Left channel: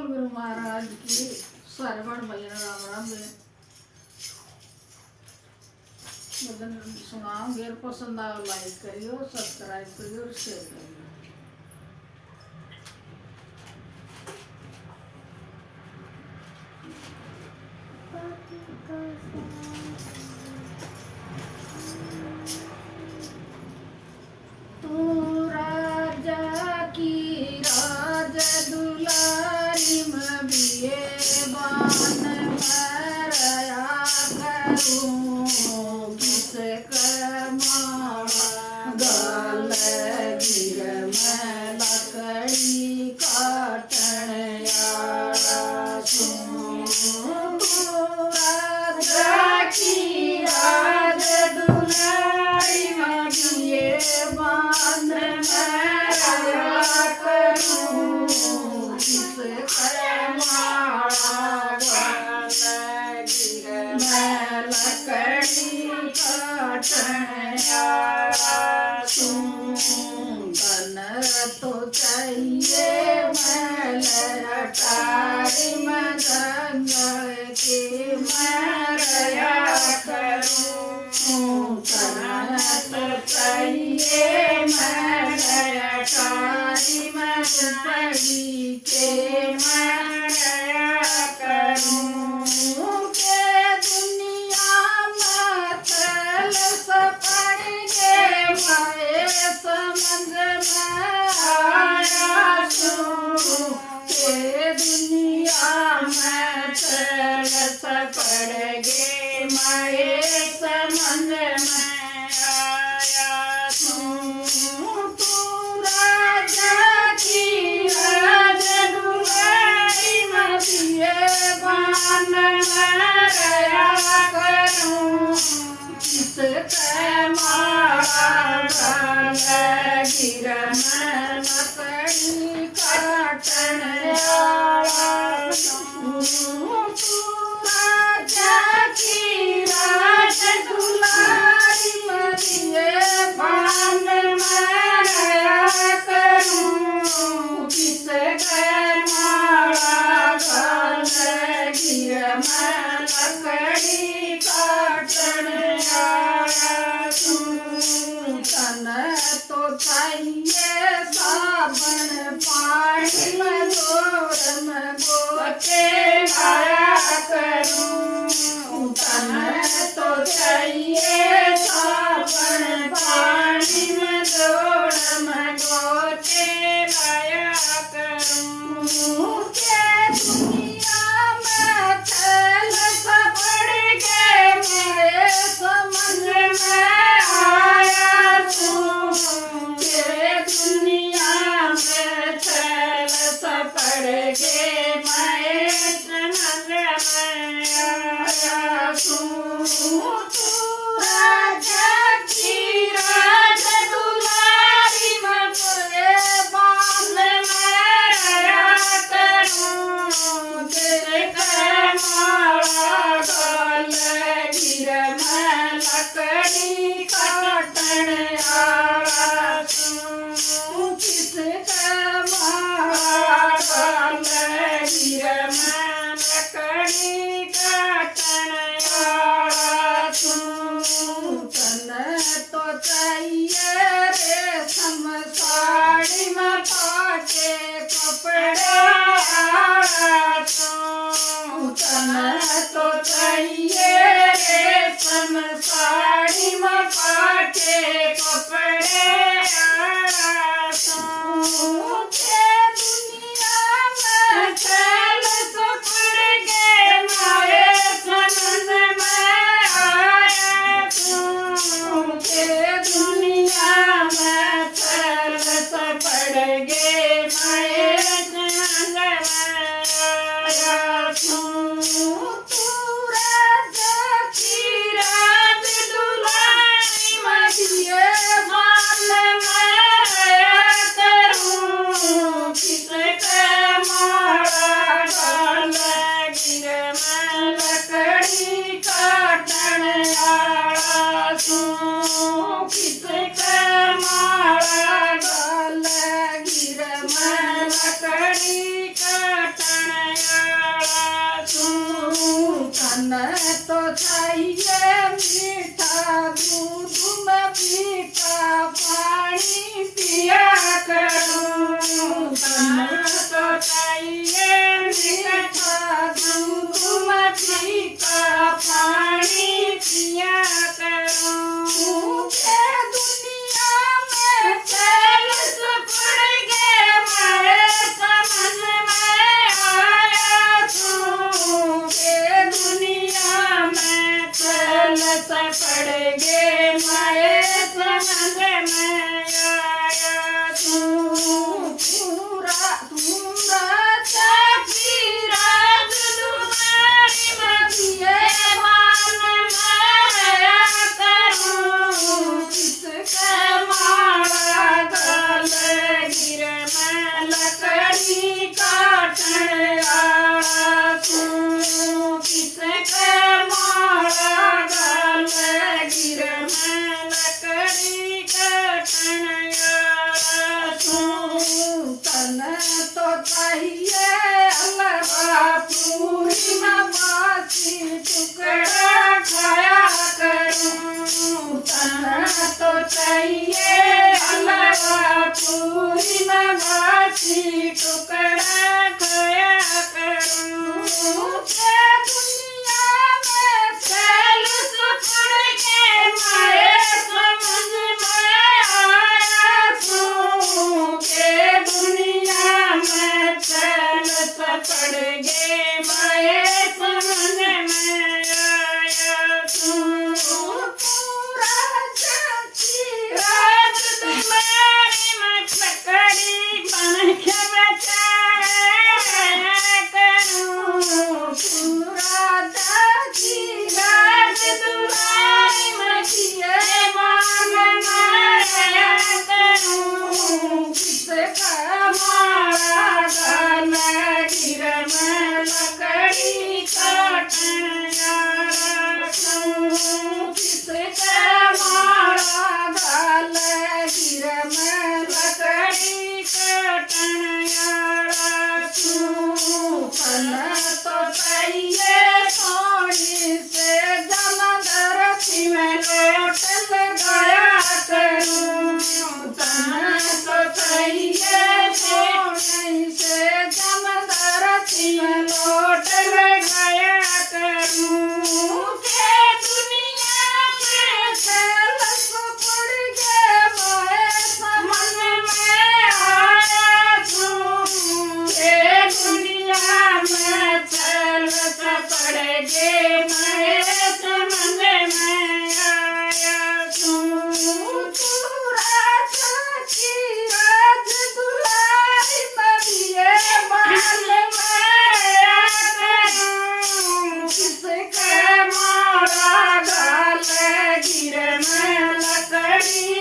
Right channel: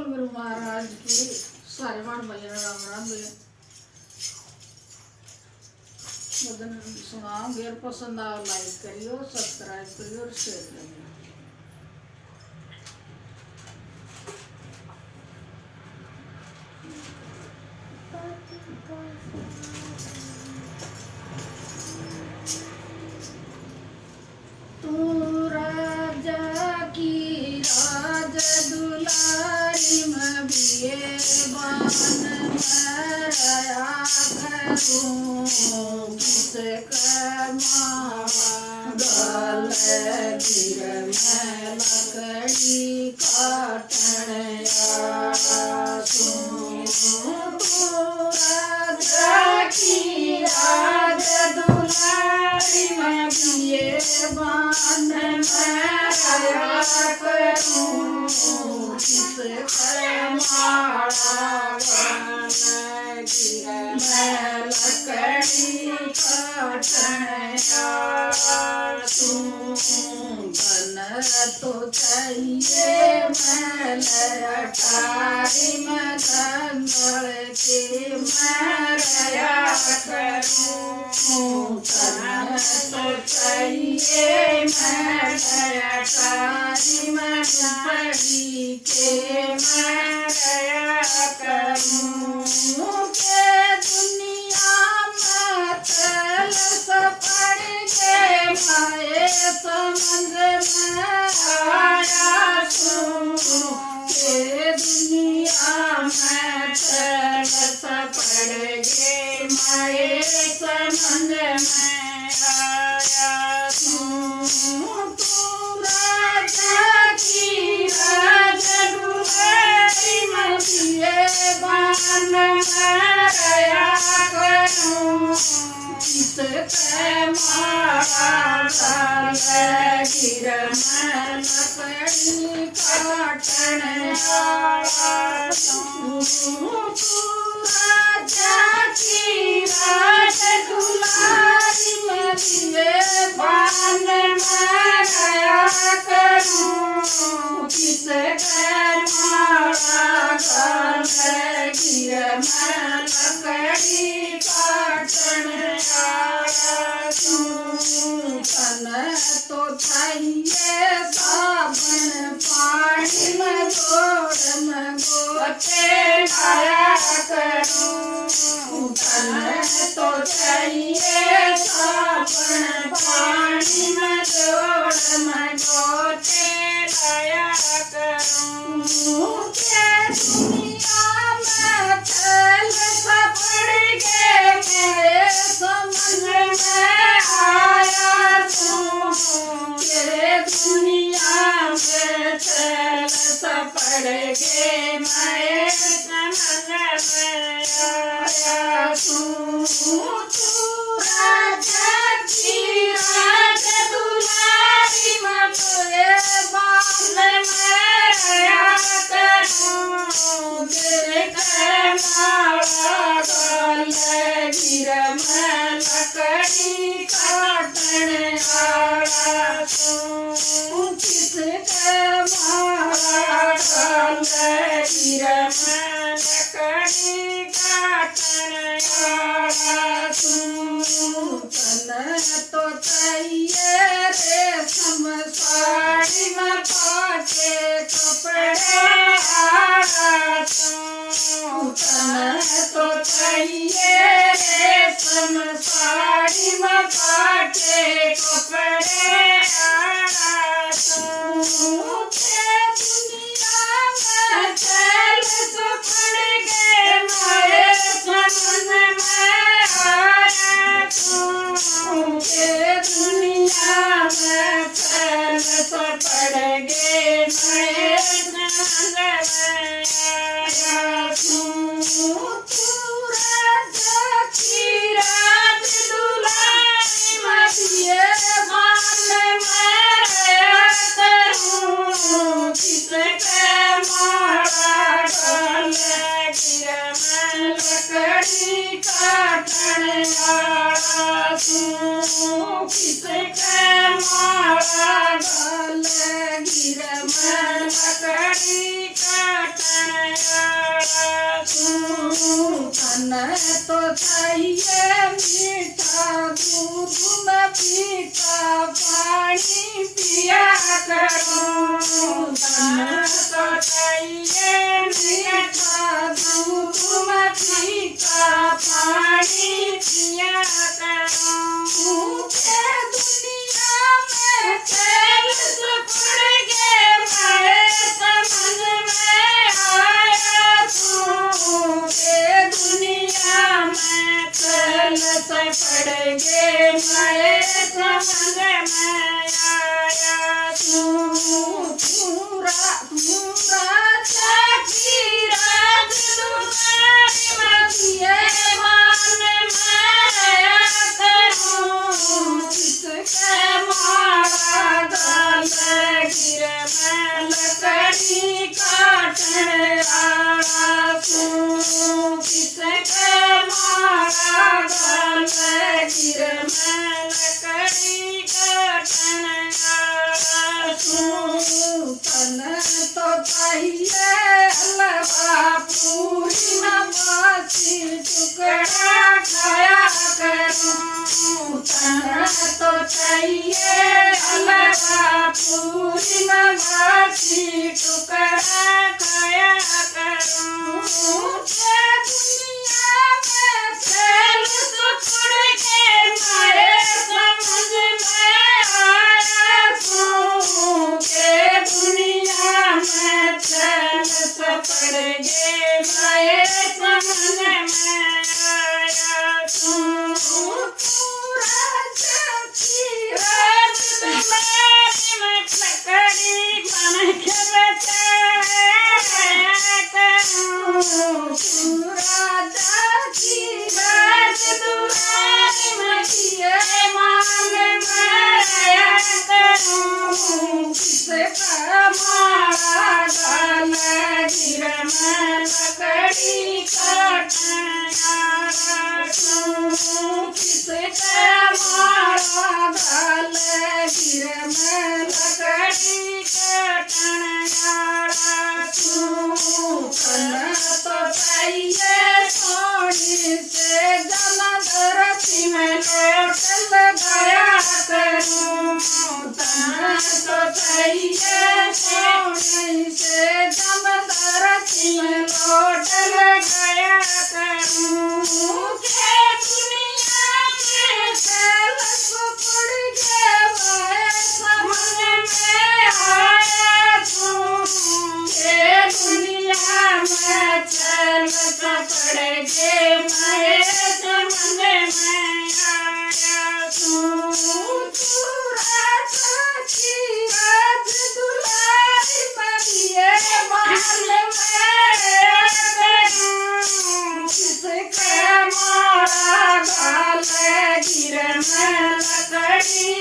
बोल गुरु महाराज की। सारे बाण भैया राम राम बे बदन सुनाओ। अगर पसंद आओ लाइक करियो, सब्सक्राइब करियो और शेयर करियो। तू राजा की राज दुलारी में बिये बान मरया करूं किसे गल गिर में लकड़ी काटन राजा की राज दुलारी में बिये बान मरया करूं किसे मैं लकड़ी काटन बन तो चाहिए मैं अटारी में गंगल के मरया करूं बन तो चाहिए मैं अटारी में पड़ी के मरया करूं के दुनिया में चल सपड़ के माए समझ में आया सुन के दुनिया में चल सपड़ गे माए समझ में आया सुन तू राजा की राज दुलारी में दिए बान मरया करूं किसके मारा गल गिर में लकड़ी काटन राजा की राज दुलारी में दिए बान मरया करूं किसके मारा गल गिर में लकड़ी काटन तन तो चाहिए साबन पानी में गोड़ में गोटे लाया करूं तन तो चाहिए साबन पानी में गोड़ में गोटे लाया करूं के दुनिया में चल सपड़ के मेरे समझ में आया तू के दुनिया में चल सपड़ के मैं समझ में आया तू राजा की राज दुलारी में तुझे बांध मरया करूं तेरे मारा गल गिर में लकड़ी काटन आया तू किसके मारा गल गिर में लकड़ी काटन आया तू तन तो चाहिए रेशम साड़ी में पाटे कपड़े आया तू तन तो चाहिए रेशम साड़ी में पाटे कपड़े आया तू के दुनिया में चल सपड़ के माए समझ में आया तू के दुनिया में चल सपड़ गे माए समझ में आया तू राजा की राज दुलारी में दिए बान मरया करूं किसके मारा गल गिर में लकड़ी काटन आया तू किसके मारा गल गिर में लकड़ी काटन तन तो चाहिए मीठा दूध में फीका पानी पिया करूं। तन तो चाहिए मीठा दूध में फीका पानी पिया करूं। भूखे दुनिया में चैन सुपड़ गए मैं समझ में आया तू के दुनिया में चल सपड़ गे मैं समझ में आया तू। चाकी राज दुलारी मदिए मान माया करूं। किसके मारा गल गिर मैं लकड़ी काटने आया तू। किसके मारा गल गिर मैं लकड़ी काटने आया तू। तन तो चाहिए हलवा पूरी में बासी टुकड़ा खाया करूं। तन तो चाहिए हलवा पूरी में बासी टुकड़ा खाया करूं। के दुनिया में चल सुपड़ के मैं समझ में आया तू के दुनिया में चल सपड़ गे मैं समझ में आया तू। राज दुलारी में लकड़ी बन के बचाया करूं। तू राजा की राज दुलारी में किए मान माया करूं। किसका मारा गल गिर मैं लकड़ी काटने आया तू। किसका मारा गल गिर मैं लकड़ी काटने आया तू। तन तो चाहिए सोनी से जमदरती में लोट लगाया करूं। तन तो चाहिए सोनी से जमदरती में लोट लगाया करूं। के दुनिया में चल सुपड़ गए मैं समझ में आया तू के दुनिया में चल सपड़ गे मैं समझ में आया तू। राजा की राज दुलारी मदिए मान माया करूं। किसके मारा गल गिर मैं लकड़ी